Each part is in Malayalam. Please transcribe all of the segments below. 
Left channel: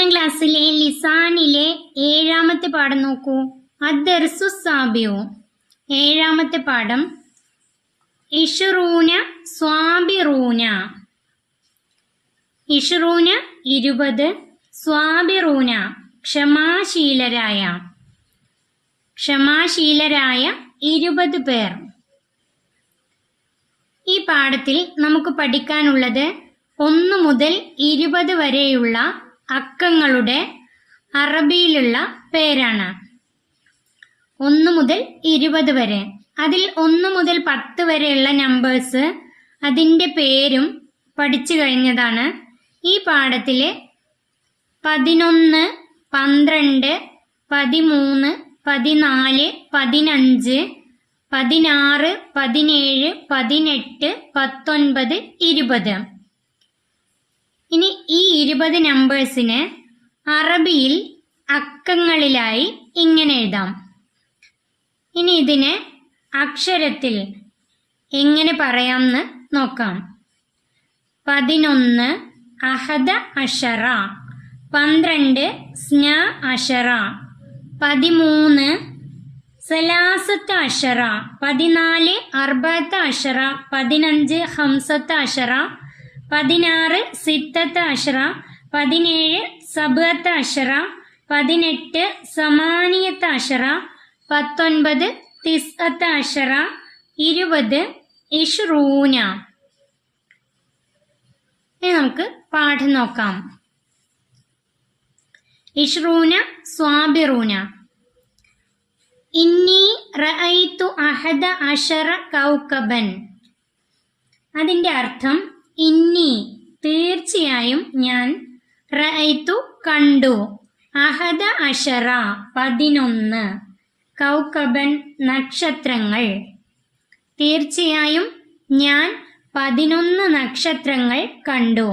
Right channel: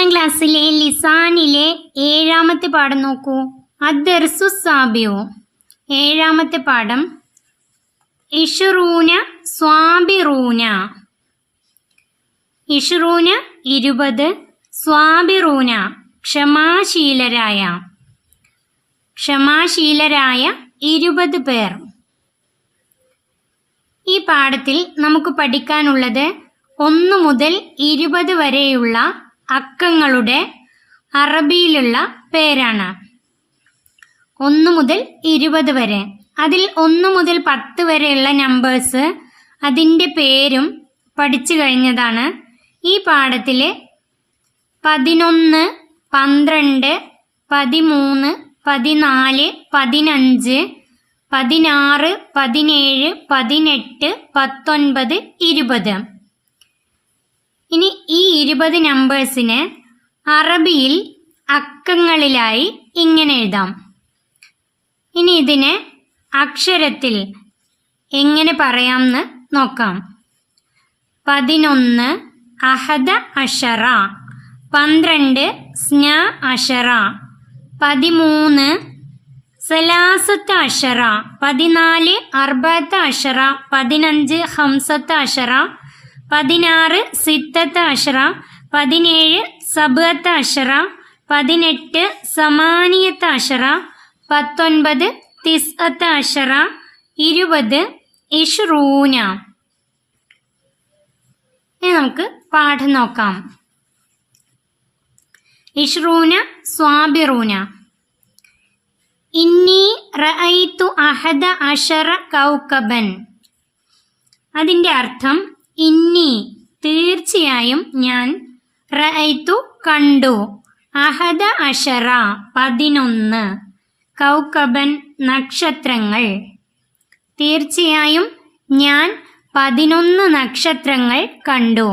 ഒന്നാം ക്ലാസ്സിലെ ലിസാനിലെ 7ാമത്തെ പാഠം നോക്കൂ. അദ്ദർസു സാബിഉ. 7ാമത്തെ പാഠം ഇശ്റൂന സ്വാബിറൂന. ഇശ്റൂന 20, സ്വാബിറൂന ക്ഷമാശീലരായ. ക്ഷമാശീലരായ 20 പേർ. ഈ പാഠത്തിൽ നമുക്ക് പഠിക്കാനുള്ളത് 1 മുതൽ 20 വരെയുള്ള അക്കങ്ങളുടെ അറബിയിലുള്ള പേരാണ്. 1 മുതൽ 20 വരെ. അതിൽ 1 മുതൽ 10 വരെയുള്ള നമ്പേഴ്സ് അതിൻ്റെ പേരും പഠിച്ചു കഴിഞ്ഞതാണ്. ഈ പാഠത്തിൽ 11, 12, 13, 14, 15, 16, 17, 18, 19, 20. ഇനി ഈ 20 നമ്പേഴ്സിന് അറബിയിൽ അക്കങ്ങളിലായി ഇങ്ങനെ എഴുതാം. ഇനി ഇതിനെ അക്ഷരത്തിൽ എങ്ങനെ പറയാമെന്ന് നോക്കാം. 11 അഹദ അഷറ, 12 സ്ന അഷറ, 13 സലാസത്ത് അഷറ, 14 അർബഅത്ത് അഷറ, 15 ഹംസത്ത് അഷറ, 16 സിത്തത്ത് അഷറ, 17 സബഅത്ത് അഷറ, 18 സമാനിയത്ത് അഷറ, 19 തിസ്അത്ത് അഷറ, 20 ഇശ്റൂന. ഇനി നമുക്ക് പാഠം നോക്കാം. ഇശ്റൂന സ്വാബിറൂന. ഇന്നി റഅയ്തു അഹദ അഷറ കൗകബൻ. അതിൻ്റെ അർത്ഥം ഇന്നി തീർച്ചയായും ഞാൻ, റഅയ്തു കണ്ടു, അഹദ അഷറ 11, കൗകബൻ നക്ഷത്രങ്ങൾ. തീർച്ചയായും ഞാൻ 11 നക്ഷത്രങ്ങൾ കണ്ടു.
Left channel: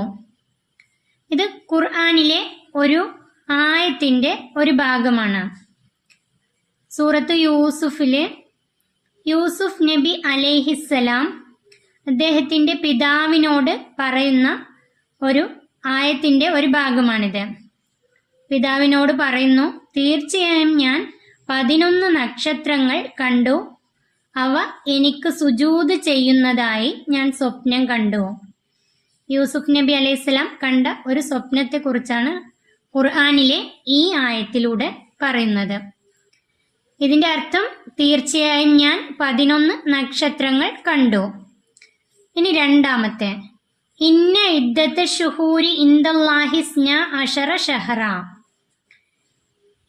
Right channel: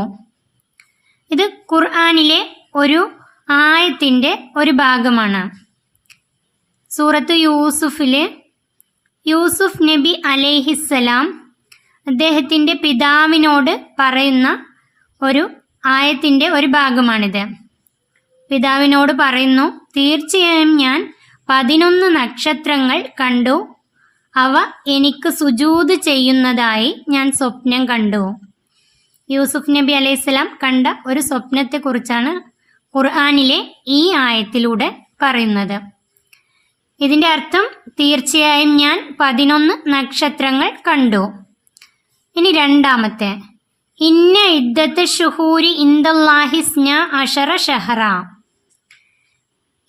ഇത് ഖുർആനിലെ ഒരു ആയത്തിൻ്റെ ഒരു ഭാഗമാണ്. സൂറത്ത് യൂസുഫിലെ യൂസുഫ് നബി അലൈഹിസ്സലാം അദ്ദേഹത്തിൻ്റെ പിതാവിനോട് പറയുന്ന ഒരു ആയത്തിൻ്റെ ഒരു ഭാഗമാണിത്. പിതാവിനോട് പറയുന്നു, തീർച്ചയായും ഞാൻ 11 നക്ഷത്രങ്ങൾ കണ്ടു, അവ എനിക്ക് സുജൂദ് ചെയ്യുന്നതായി ഞാൻ സ്വപ്നം കണ്ടു. യൂസുഫ് നബി അലൈഹിസ്സലാം കണ്ട ഒരു സ്വപ്നത്തെക്കുറിച്ചാണ് ഖുർആനിലെ ഈ ആയത്തിലൂടെ പറയുന്നത്. ഇതിൻ്റെ അർത്ഥം തീർച്ചയായും ഞാൻ 11 നക്ഷത്രങ്ങൾ കണ്ടു. ഇനി രണ്ടാമത്തെ, ഇന്ന ഇദ്ദത്ത് ഷുഹൂരി ഇൻദല്ലാഹി സ്ന അഷറ ഷഹറ.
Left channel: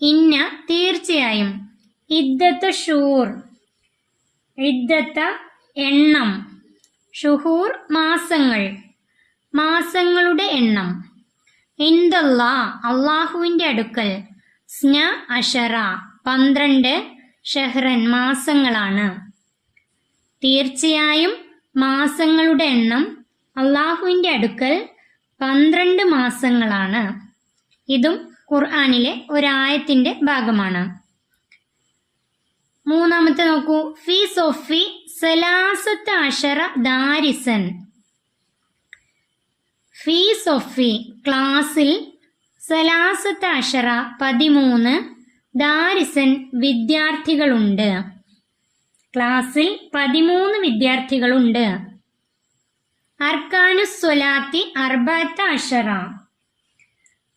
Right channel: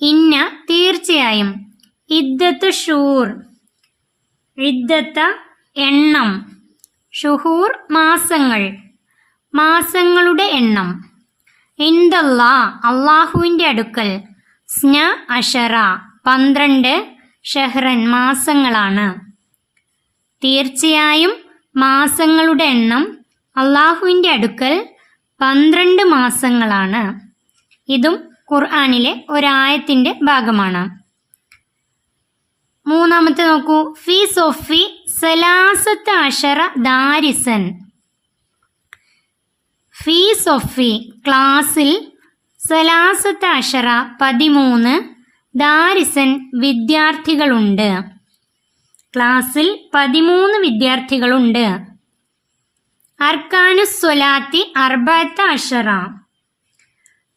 ഇന്ന തീർച്ചയായും, ഇദ്ദത്ത് ഷൂർ ഇദ്ദത്ത എണ്ണം, ഷുഹൂർ മാസങ്ങൾ, മാസങ്ങളുടെ എണ്ണം, ഇൻദല്ലാ അള്ളാഹുവിൻ്റെ അടുക്കൽ, സ്ന അഷറ 12, ഷഹ്റൻ മാസങ്ങളാണ്. തീർച്ചയായും മാസങ്ങളുടെ എണ്ണം അള്ളാഹുവിൻ്റെ അടുക്കൽ 12 മാസങ്ങളാണ്. ഇതും ഖുർആനിലെ ഒരായത്തിൻ്റെ ഭാഗമാണ്. മൂന്നാമത്തെ നോക്കൂ. ഫി സൊഫി സലാസത്ത് അഷറ ദാരിസൻ. ഫി സൊഫി ക്ലാസ്സിൽ, സലാസത്ത് അഷറ 13, ദാരിസൻ വിദ്യാർത്ഥികളുണ്ട്. ക്ലാസ്സിൽ 13 വിദ്യാർത്ഥികളുണ്ട്. അർക്കാനുസ്വലാത്തി അർബഅത്ത് അഷറ.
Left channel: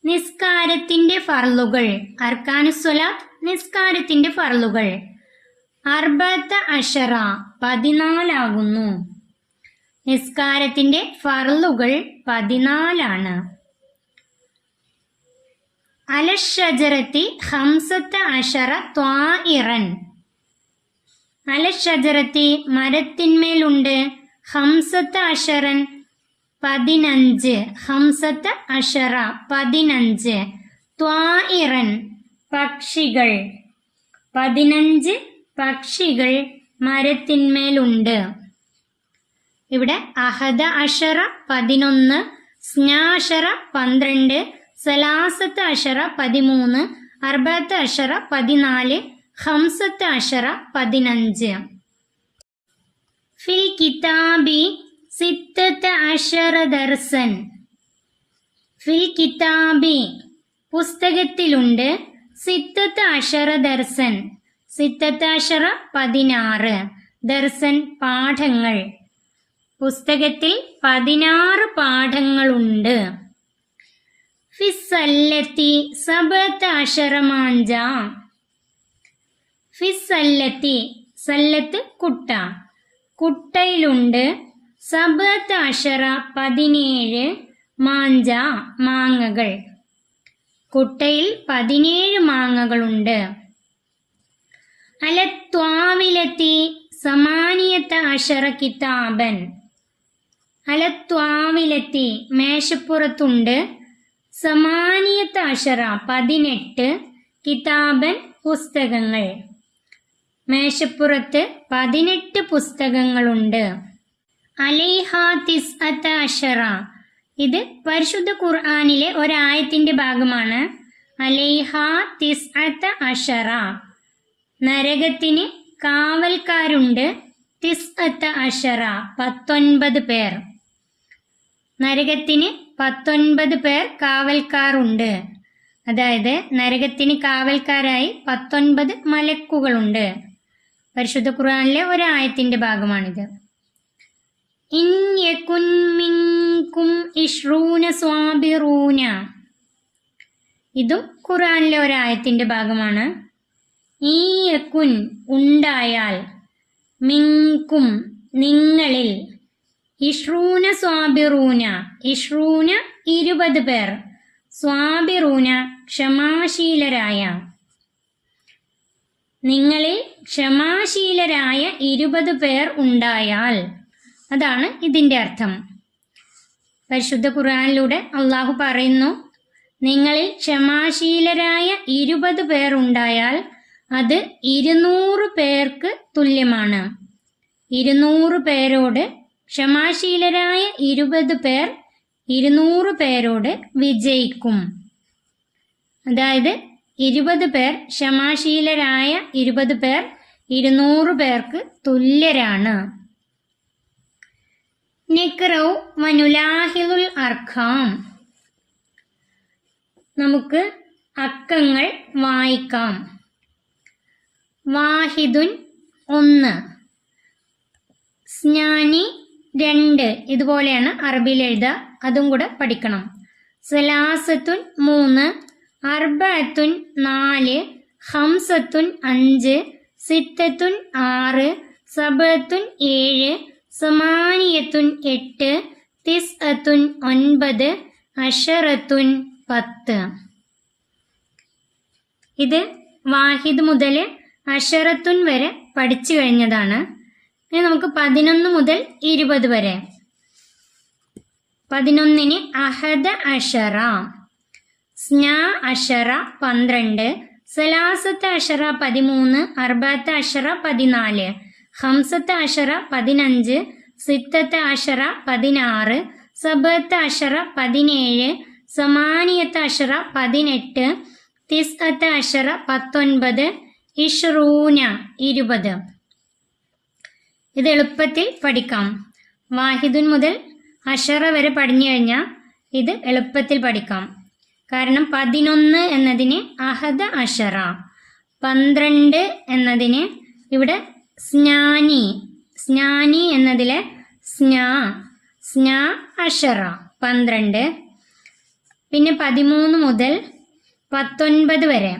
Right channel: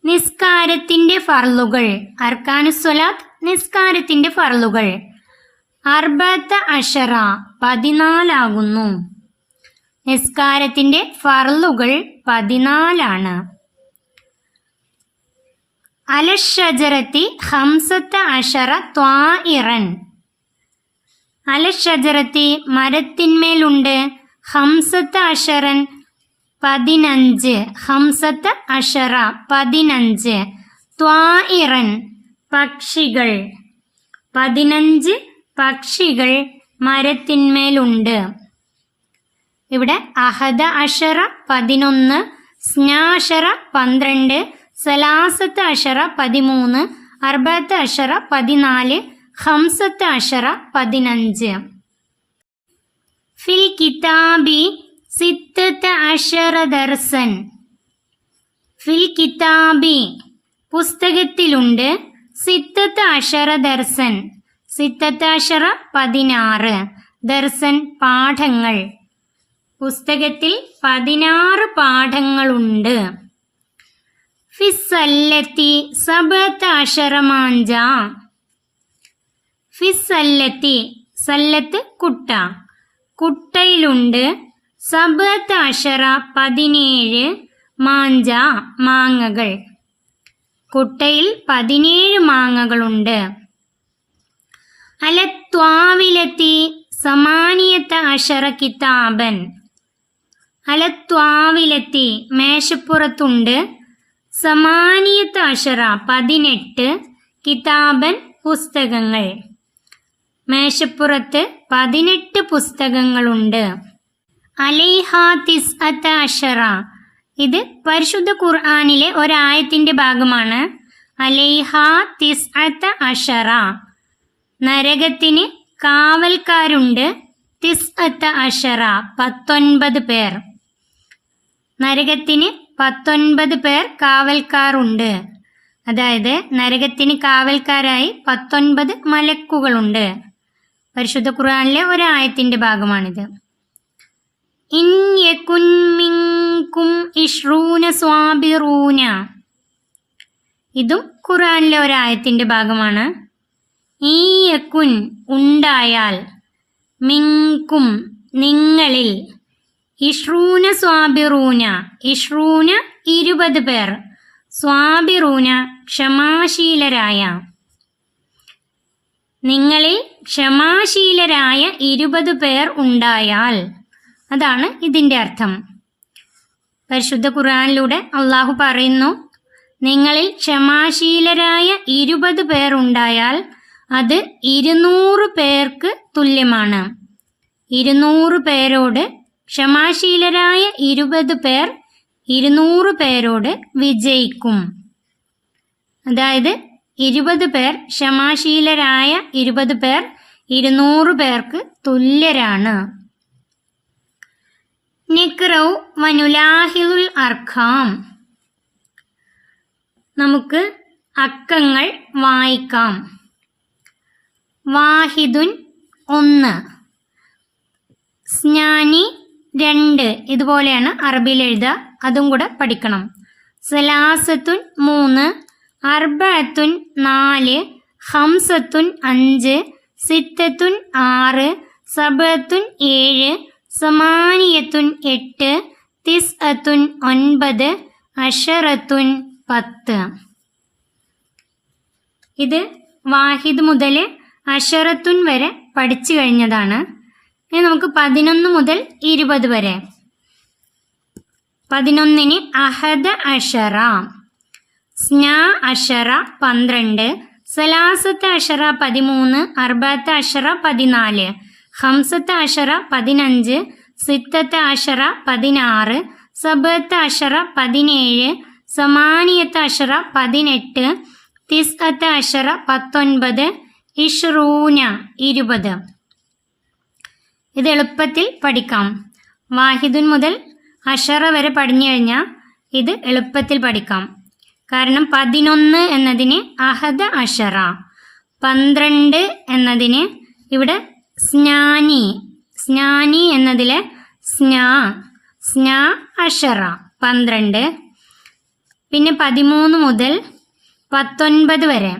നിസ്കാരത്തിൻ്റെ ഫർളുകൾ. അർക്കാനുസ്വലാത്ത് നിസ്കാരത്തിൻ്റെ ഫർളുകൾ. അർബഅത്ത് അഷറ 14 ആകുന്നു. നിസ്കാരത്തിൻ്റെ ഫർളുകൾ 14 ആണ്. അലഷജറത്തി ഹംസത്ത് അഷറ ത്വാഇറൻ. അലഷജറത്തി മരത്തിന്മേലുണ്ട്, ഹംസത്ത് അഷറൻ 15, ഹംസത്ത് അഷറ 15, ത്വാഇറൻ പക്ഷികൾ, 15 പക്ഷികൾ മരത്തിന്മേലുണ്ട്. ഇവിടെ അഹദ അഷറ 11, സ്നാഷറ 12, സലാസത്ത് അഷറ 13, അർബഅത്ത് അഷറ 14, ഹംസത്ത് അഷറ 15. ഫിൽ കിതാബി സിത്തത്ത് അഷറ ദർസൻ. ഫിൽ കിതാബി പുസ്തകത്തിലുണ്ട് സിത്തത്ത് അഷറ ദർസൻ. സിത്തത്ത് അഷറ 16, ദർസൻ പാഠങ്ങൾ. പുസ്തകത്തിൽ 16 പാഠങ്ങളുണ്ട്. ഫിസ്സല്ലത്തി സബഅത്ത് അഷറ മാഞ്ച. ഫിസ്സല്ലത്തി, സല്ലത്ത് കുട്ട, കുട്ടയിലുണ്ട് സബഅത്ത് അഷറ 17 മാഞ്ച മാങ്ങകൾ. കുട്ടയിൽ 17 മാങ്ങകളുണ്ട്. അലത്വാവിലത്തി സമാനിയത്ത അഷറ കിതാബൻ. അലത്വാവിലത്തി മേശപ്പുറത്തുണ്ട് സമാനിയത്ത അഷറ 18 കിതാബൻ പുസ്തകങ്ങൾ. മേശപ്പുറത്ത് 18 പുസ്തകങ്ങളുണ്ട്. അലൈഹാ തിസ്അത്ത അഷറ. ഇത് പരിശുദ്ധ ഖുർആനിലെ ഒരായത്തിന്റെ ഭാഗമാണ്. അലൈഹാ തിസ്അത്ത അഷറ. നരകത്തിന് കാവൽക്കാരുണ്ട്. തിസ്അത്ത അഷറ 19 പേർ. നരകത്തിന് 19 പേർ കാവൽക്കാരുണ്ട്. അതായത് നരകത്തിന് കാവൽക്കാരായി 19 മലക്കുകളുണ്ട്. പരിശുദ്ധ ഖുർആനിലെ ഒരായത്തിന്റെ ഭാഗമാണിത്. ഇൻ യകുൻ മിൻകും 20 സ്വാബിറൂന. ഇതും ഖുർആനിലെ ഒരായത്തിന്റെ ഭാഗമാണ്. ഈ യകുൻ ഉണ്ടായാൽ, മിൻകും നിങ്ങളിൽ, 20 സ്വാബിറൂന 20 പേർ, സ്വാബിറൂന ക്ഷമാശീലരായ. നിങ്ങളിൽ ക്ഷമാശീലരായ 20 പേർ ഉണ്ടായാൽ, അതാണ് ഇതിൻ്റെ അർത്ഥം. പരിശുദ്ധ ഖുർആനിലൂടെ അള്ളാഹു പറയുന്നു, നിങ്ങളിൽ ക്ഷമാശീലരായ 20 പേർ ഉണ്ടായാൽ അത് 200 പേർക്ക് തുല്യമാണ്. 200 പേരോട് ക്ഷമാശീലരായ 20 പേർ 200 പേരോട് വിജയിക്കും. അതായത് 20 പേർ ക്ഷമാശീലരായ 20 പേർ 200 പേർക്ക് തുല്യരാണ്. നിക്റൗ വനുലാഹിദുൽ അർഖാം. നമുക്ക് അക്കങ്ങൾ വായിക്കാം. വാഹിദുൻ 1, സ്നാനി 2. ഇതുപോലെയാണ് അറബിയിൽ എഴുതുക, അതും കൂടെ പഠിക്കണം. സലാസത്തുൻ 3, അർബഅത്തുൻ 4, ഹംസത്തുൻ 5, സിത്തത്തുൻ 6, സബഅത്തുൻ 7, സമാനിയത്തുൻ 8, തിസ്അത്തുൻ 9, അഷറത്തുൻ 10. ഇത് വാഹിദ് മുതൽ അഷറത്തുൻ വരെ പഠിച്ചു കഴിഞ്ഞതാണ്. ഇനി നമുക്ക് 11 മുതൽ 20 വരെ. 11-ന് അഹദ അഷറ, സ്നാ അഷറ 12, സലാസത്ത് അഷറ 13, അർബഅത്ത് അഷറ 14, ഹംസത്ത് അഷറ 15, സിത്തത്ത് അഷറ 16, സബഅത്ത് അഷറ 17, സമാനിയത്ത് അഷറ 18, തിസ്അത്ത് അഷറ 19, ഇഷ്റൂന 20. ഇത് എളുപ്പത്തിൽ പഠിക്കാം. വാഹിദുൻ മുതൽ അഷറ വരെ പഠിഞ്ഞു കഴിഞ്ഞാൽ ഇത് എളുപ്പത്തിൽ പഠിക്കാം. കാരണം 11 എന്നതിന് അഹദ അഷറ, 12 എന്നതിന് ഇവിടെ സ്നാനി എന്നതിലെ സ്നാ അഷറ 12. പിന്നെ 13 മുതൽ 19 വരെ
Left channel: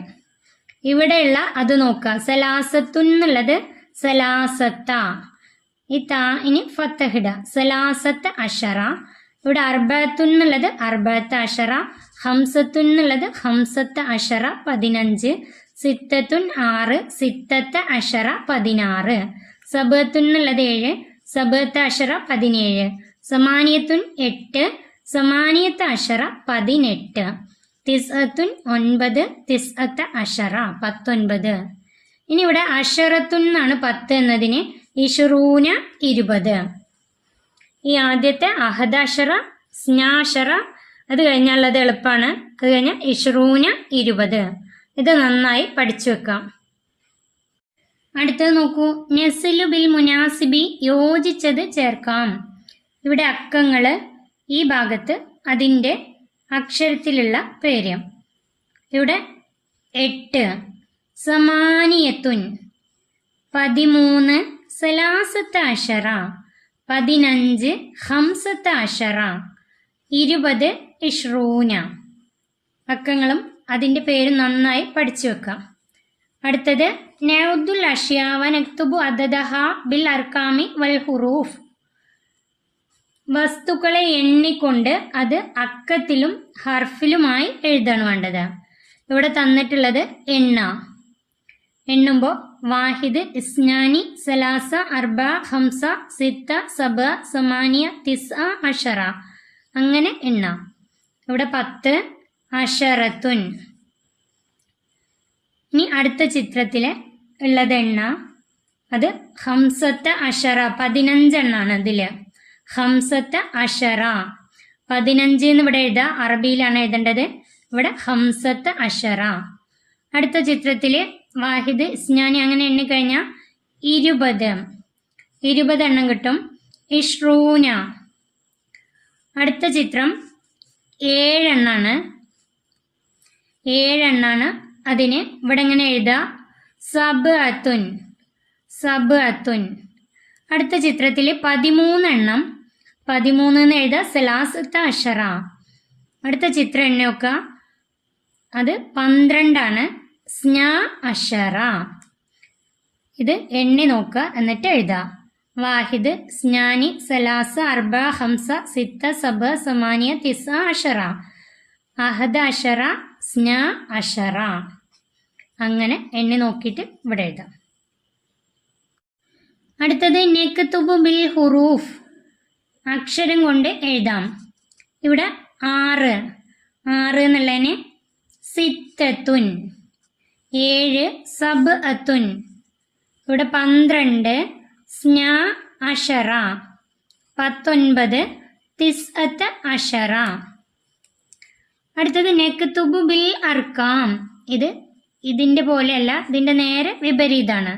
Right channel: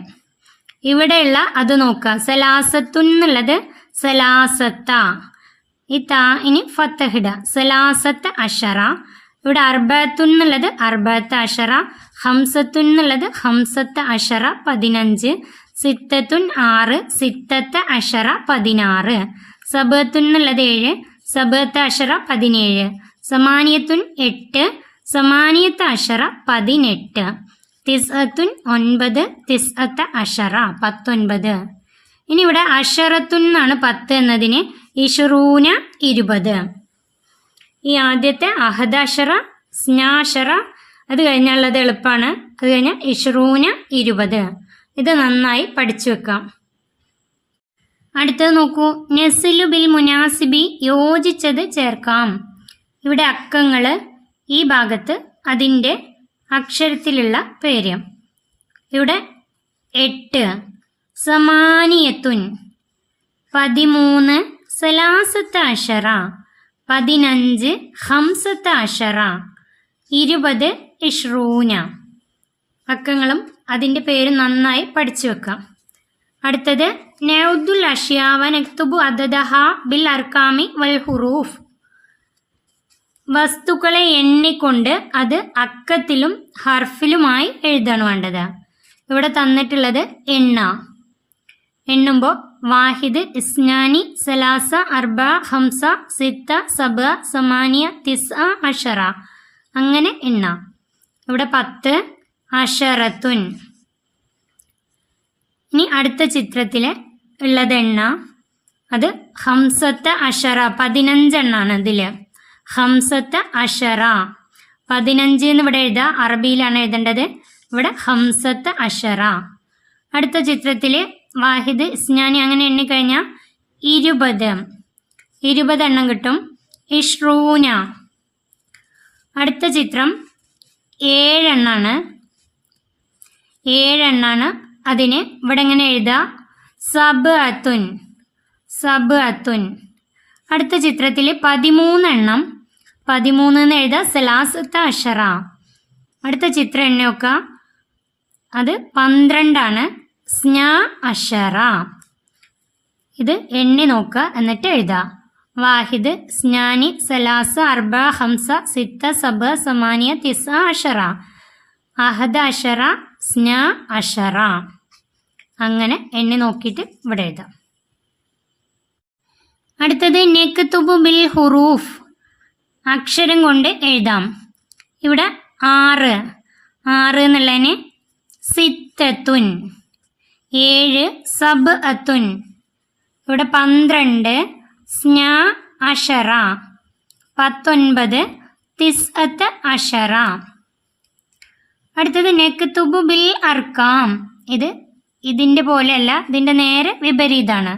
ഇവിടെയുള്ള അത് നോക്കുക. സലാസത്തുൻ എന്നുള്ളത് സലാസത്ത, ഈ താഇന് ഫത്തഹിട, സലാസത്ത് അഷറ. ഇവിടെ അർബഅത്തുൻ എന്നുള്ളത് അർബഅത്ത് അഷറ, ഹംസത്തുൻ എന്നുള്ളത് ഹംസത്ത് അഷറ 15, സിത്തത്തുൻ 6, സിത്തത്ത് അഷറ 16, സബഅത്തുൻ എന്നുള്ളത് 7, സബഅത്ത് അഷറ 17, സമാനിയത്തുൻ 8, സമാനിയത്ത് അഷറ 18, തിസ്അത്തുൻ 9, തിസ്അത്ത് അഷറ 19. ഇനി ഇവിടെ അഷറത്തുൻ എന്നാണ് 10 എന്നതിന് ഇഷ്റൂന 20. ഈ ആദ്യത്തെ അഹദ അഷറ, സ്നാഷറ, അത് കഴിഞ്ഞുള്ളത് എളുപ്പമാണ്. അത് കഴിഞ്ഞാൽ ഇഷ്റൂന 20. ഇത് നന്നായി പഠിച്ചു വെക്കാം. അടുത്തത് നോക്കൂ. നെസ്ലു ബിൽ മുനാസിബി, യോജിച്ചത് ചേർക്കാം. ഇവിടെ അക്കങ്ങൾ, ഈ ഭാഗത്ത് അതിൻ്റെ അക്ഷരത്തിലുള്ള പേര്. ഇവിടെ 8, സമാനിയത്തുൻ 13, സലാസത്ത അഷറ 15, ഹംസത്ത അഷറ 20, ഇഷ്റൂന. അക്കങ്ങളും അതിൻ്റെ പേരും നന്നായി പഠിച്ചു വെക്കാം. അടുത്തത് നൗദുൽ അഷ്യാവ നക്തുബു അദദഹ ബിൽ അർക്കാമി വൽ ഹുറൂഫ്. വസ്തുക്കളെ എണ്ണിക്കൊണ്ട് അത് അക്കത്തിലും ഹർഫിലുമായി എഴുതാണ് വേണ്ടത്. ഇവിടെ തന്നിട്ടുള്ളത് എണ്ണുമ്പോൾ വാഹിദ്, ഇസ്നാനി, സലാസ, അർബ, ഹംസ, സിത്ത, സബ, സമാനിയ, തിസ്അ, അഷറ അങ്ങനെ എണ്ണാം. ഇവിടെ 10, അഷറത്തുൻ. ഇനി അടുത്ത ചിത്രത്തിൽ ഉള്ളത് അത് ഹംസത്ത അഷറ 15 എണ്ണാണ്. ഇതിൽ ഹംസത്ത അഷറ 15 എന്ന് ഇവിടെ എഴുതുക, അറബിയിലാണ് എഴുതേണ്ടത്. ഇവിടെ ഹംസത്ത അഷറ. അടുത്ത ചിത്രത്തിൽ വാഹിദ്, ഇസ്നാനി അങ്ങനെ എണ്ണിക്കഴിഞ്ഞാൽ 20 എണ്ണം കിട്ടും. ഇഷ്റൂന. അടുത്ത ചിത്രം 7 എണ്ണാണ്. അതിന് ഇവിടെ എങ്ങനെ എഴുതുക? സബ് അത്തുൻ. അടുത്ത ചിത്രത്തിൽ 13 എണ്ണം. 13 എന്ന് എഴുതുക, സലാസത്ത അഷറ. അടുത്ത ചിത്രം എണ്ണി നോക്കുക, അത് 12 സ്നാ അഷറ. ഇത് എണ്ണി നോക്കുക എന്നിട്ട് എഴുതുക. വാഹിദ്, സ്നാനി, സലാസ, അർബ, ഹംസ, സിത്ത, സബ, സമാനിയ, തിസ്അ, അഷറ. അഹദ അഷറ, സ്നാ അഷറ. അങ്ങനെ എണ്ണി നോക്കിയിട്ട് ഇവിടെ എഴുതാം. അടുത്തത് നക്തുബു ബിൽ ഹുറൂഫ്. അക്ഷരം കൊണ്ട് എഴുതാം. ഇവിടെ 6 എന്നുള്ളതിന് സിത്തത്തുൻ. 7, സബ് അത്തുൻ. ഇവിടെ 12, സ്നാ അഷറ. 19, തിസ്അത്ത് അഷറ. അടുത്തത് നക്തുബു ബിൽ അർക്കാം. ഇതിൻ്റെ പോലെയല്ല, ഇതിൻ്റെ നേരെ വിപരീതമാണ്.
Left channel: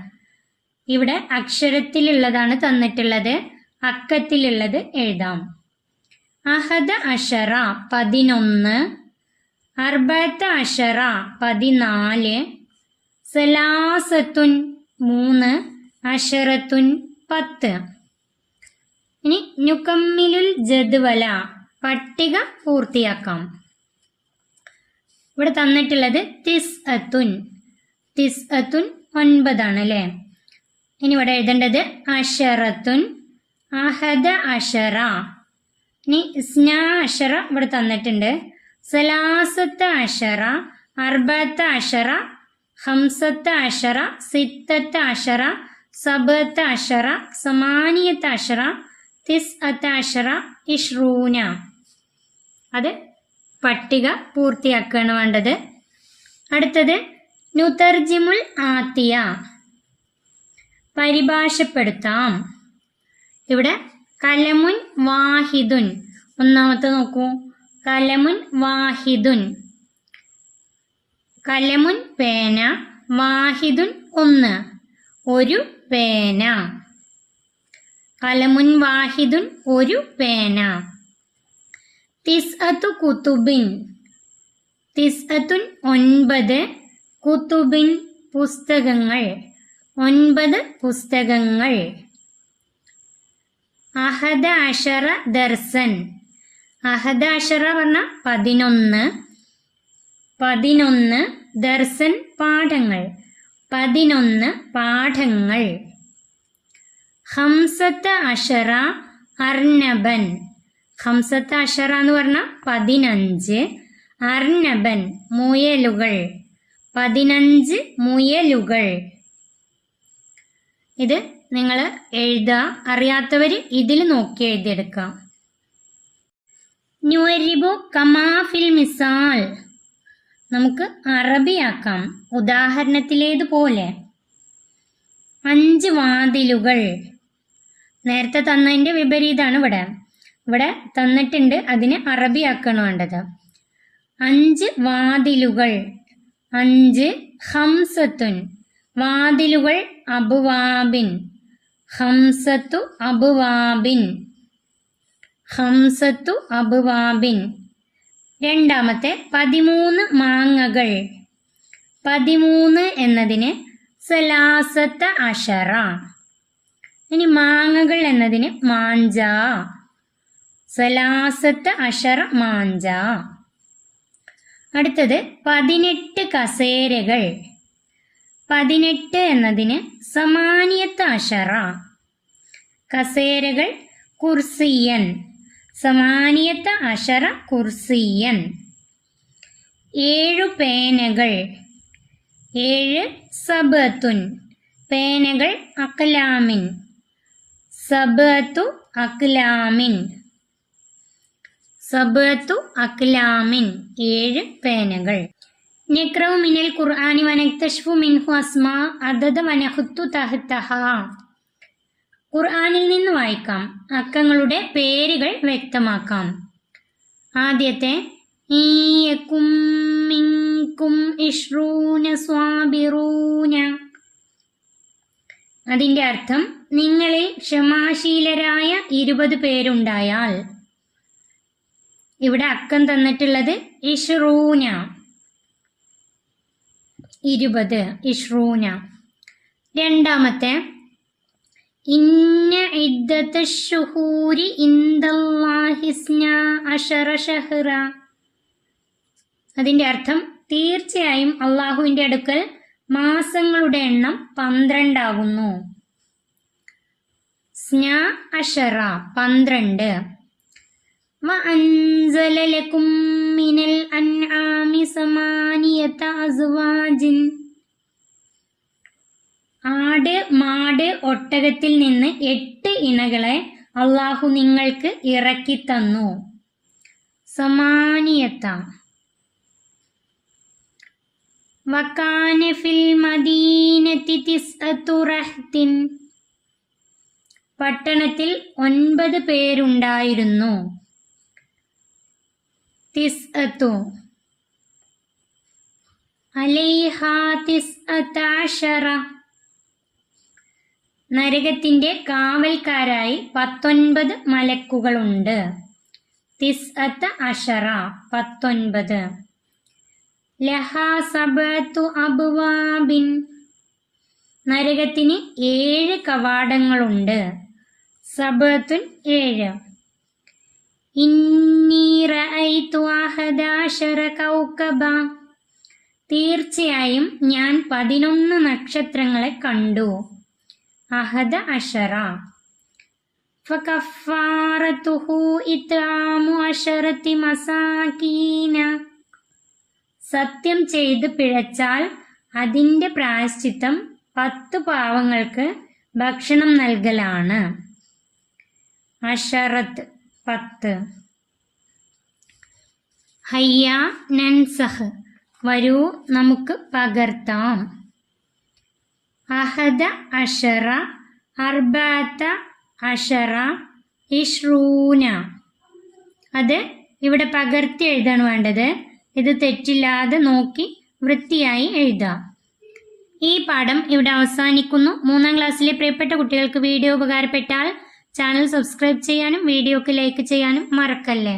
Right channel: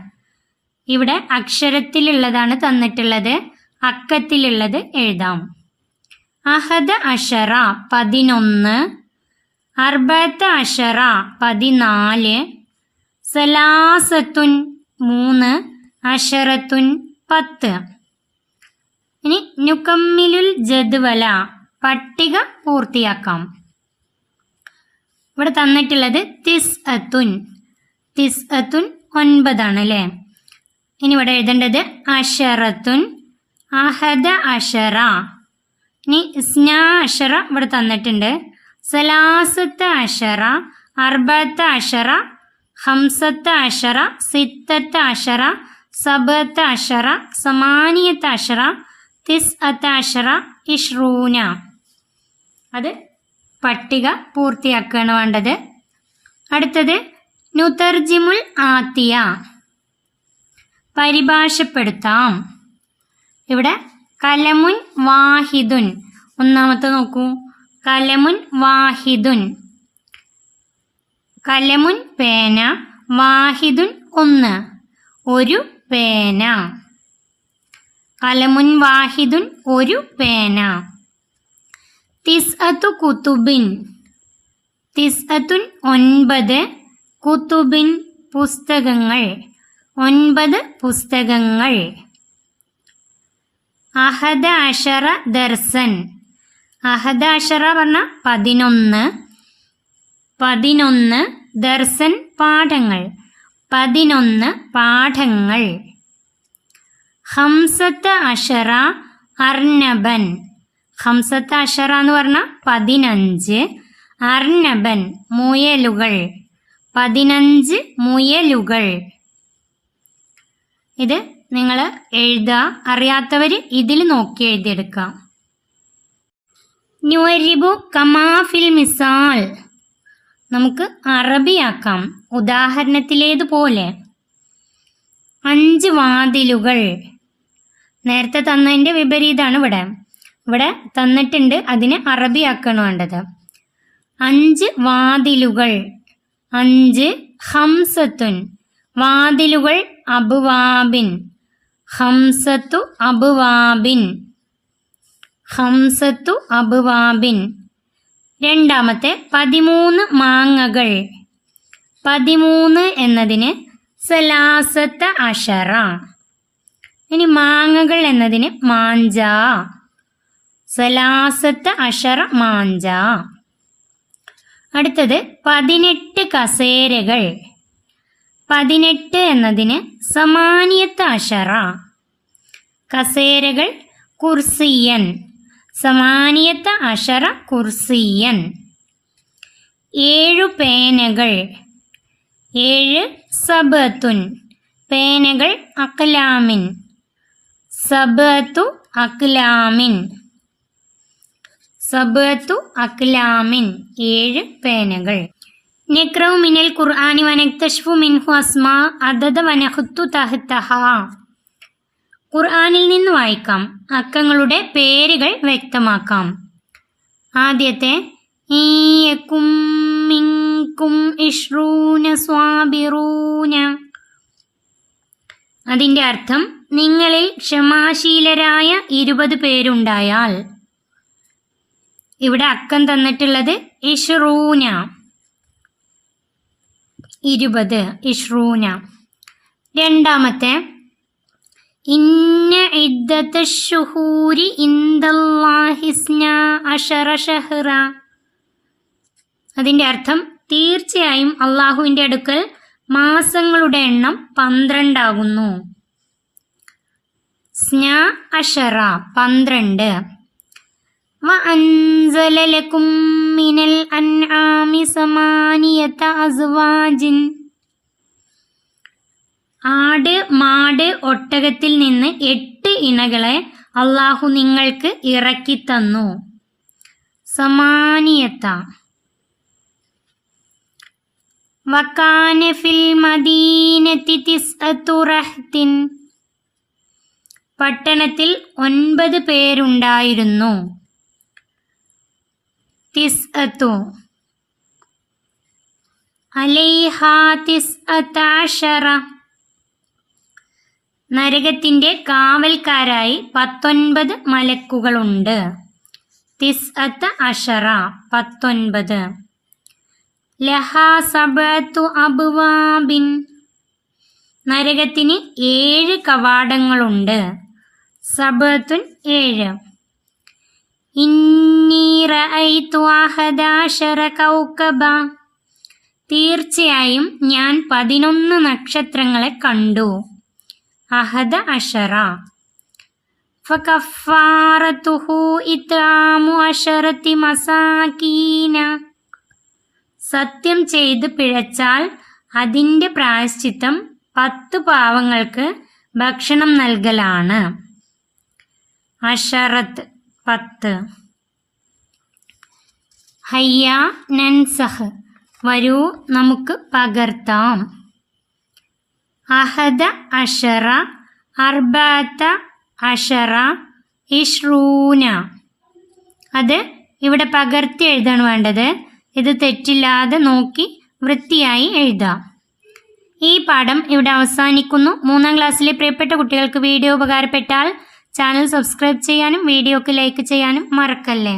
ഇവിടെ അക്ഷരത്തിലുള്ളതാണ് തന്നിട്ടുള്ളത്, അക്കത്തിലുള്ളത് എഴുതാം. അഹദ അഷറ 11, അർബഅത്ത് അഷറ 14, സലാസത്തുൻ 3, അഷറത്തുൻ 10. ഇനി നുകമ്മിലുൽ ജദ്വല, പട്ടിക പൂർത്തിയാക്കാം. ഇവിടെ തന്നിട്ടുള്ളത് തിസ്അത്തുൻ 9 അല്ലേ. ഇനി ഇവിടെ എഴുതേണ്ടത് അഷറത്തുൻ, അഹദ അഷറ. ഇനി സ്നാ അഷറ ഇവിടെ തന്നിട്ടുണ്ട്. സലാസത്ത് അഷറ, അർബഅത്ത് അഷറ, ഹംസത്ത് അഷറ, സിത്തത്ത് അഷറ, സബഅത്ത് അഷറ, സമാനിയത്ത് അഷറ, തിസ്അത്ത് അഷറ, ഇഷ്റൂന. അത് പട്ടിക പൂർത്തിയാക്കുകയാണ് വേണ്ടത്. അടുത്തത് നുതർജിമുൽ ആത്തിയ, പരിഭാഷപ്പെടുത്താം. ഇവിടെ കലമുൻ വാഹിദുൻ. ഒന്നാമത്തെ നോക്കൂ, കലമുൻ വാഹിദുൻ. കലമുൻ പേന, വാഹിദുൻ 1, ഒരു പേന. കലമുൻ വാഹിദുൻ, ഒരു പേന. തിസ്അത്തു കുതുബിൻ. തിസ്അത്തുൻ 9, കുതുബിൻ പുസ്തകങ്ങൾ. 9 പുസ്തകങ്ങൾ. അഹദ അഷറ ദർസൻ. അഹദ അഷറ പറഞ്ഞാൽ 11 ദർസൻ പാഠങ്ങൾ. 11 പാഠങ്ങൾ. ഹംസത്ത് അഷറ അർനബൻ. ഹംസത്ത് അഷറ എന്ന് പറഞ്ഞാൽ 15, അർനബൻ മുയലുകൾ. 15 മുയലുകൾ. ഇത് നിങ്ങൾ എഴുതുക, അറിയാത്തവർ ഇതിൽ നോക്കി എഴുതിയെടുക്കാം. നുഅരിബു കമാഫിൽ മിസാൽ. നമുക്ക് അറബിയാക്കാം ഉദാഹരണത്തിലേതുപോലെ. 5 വാതിലുകൾ. നേരത്തെ തന്നതിൻ്റെ വിപരീതമാണ് ഇവിടെ തന്നിട്ടുണ്ട്, അതിനെ അറബിയാക്കാണ് വേണ്ടത്. 5 വാതിലുകൾ. 5 ഹംസത്തുൻ. വാതിലുകൾ അബ്വാബിൻ. ഹംസത്തു അബ്വാബിൻ. ഹംസത്തു അബ്വാബിൻ. രണ്ടാമത്തെ 13 മാങ്ങകൾ. 13 എന്നതിന് സലാസത്ത അഷറ. ഇനി മാങ്ങകൾ എന്നതിന് മാഞ്ച. സലാസത്ത അഷറ മാഞ്ച. അടുത്തത് 18 കസേരകൾ. 18 എന്നതിന് സമാനിയത്ത് അഷറ. കസേരകൾ കുർസിയൻ. സമാനിയത്ത് അഷറ കുർസിയൻ. 7 പേനകൾ. 7 സബത്തുൻ. പേനകൾ അക്ലാമിൻ. സബത്തു അക്ലാമിൻ. സബത്തു അക്ലാമിൻ. 7 പേനകൾ. നഖ്റഉ മിനൽ ഖുർആനി വനക്തശ്ഫു മിൻഹു അസ്മാ അദദ വനഖുത്തു തഹ്തഹ. ഖുർആനിൽ നിന്ന് വായിക്കാം, അക്കങ്ങളുടെ പേരുകൾ വ്യക്തമാക്കാം. ആദ്യത്തെ ഈയക്കും മിൻകും ഇശ്റൂന സ്വാബിറൂന. അതിൻ്റെ അർത്ഥം നിങ്ങളിൽ ക്ഷമാശീലരായ 20 പേരുണ്ടായാൽ. ഇവിടെ അക്കം തന്നിട്ടുള്ളത് ഇശ്റൂന, 20. ഇശ്റൂന. രണ്ടാമത്തെ ഇന്ന ഇദ്ദത്തശ്ശുഹൂരി ഇൻദല്ലാഹി 12 ശഹ്റ. അതിൻ്റെ അർത്ഥം തീർച്ചയായും അള്ളാഹുവിൻ്റെ അടുക്കൽ മാസങ്ങളുടെ എണ്ണം 12 ആകുന്നു. 12 12. വഅൻസല ലകും മിനൽ അൻആമി 8 അസ്വാജിൻ. ആട്, മാട്, ഒട്ടകത്തിൽ നിന്ന് 8 ഇണകളെ അള്ളാഹു നിങ്ങൾക്ക് ഇറക്കി തന്നു. സമാനിയത്ത. വകാന ഫിൽ മദീനതി 9 റഹ്തിൻ. പട്ടണത്തിൽ 9 പേരുണ്ടായിരുന്നു. 9. അലൈഹാ 19. നരകത്തിൻ്റെ കാവൽക്കാരായി 19 മലക്കുകളുണ്ട്. 19. 19. ലഹാ 7 അബ്വാബിൻ. നരകത്തിന് 7 കവാടങ്ങളുണ്ട്. 7 7. ഇന്നി റഅയ്തു 11 കൗകബ. തീർച്ചയായും ഞാൻ 11 നക്ഷത്രങ്ങളെ കണ്ടു. 11. ഫകഫാറതുഹു ഇത്ആമു 10 മസാകീന. സത്യം ചെയ്ത് പിഴച്ചാൽ അതിൻ്റെ പ്രായശ്ചിത്തം 10 പാവങ്ങൾക്ക് ഭക്ഷണം നൽകലാണ്. അഷറത്ത് 10. ഹയ്യ നൻസഹ്. വരൂ നമുക്ക് പകർത്താം. 11 14 20. അത് ഇവിടെ പകർത്തി എഴുതാണ് വേണ്ടത്. ഇത് തെറ്റില്ലാതെ നോക്കി വൃത്തിയായി എഴുതാം. ഈ പാഠം ഇവിടെ അവസാനിക്കുന്നു. 3ാം ക്ലാസ്സിലെ പ്രിയപ്പെട്ട കുട്ടികൾക്ക് വീഡിയോ ഉപകാരപ്പെട്ടാൽ ചാനൽ സബ്സ്ക്രൈബ് ചെയ്യാനും വീഡിയോക്ക് ലൈക്ക് ചെയ്യാനും മറക്കല്ലേ.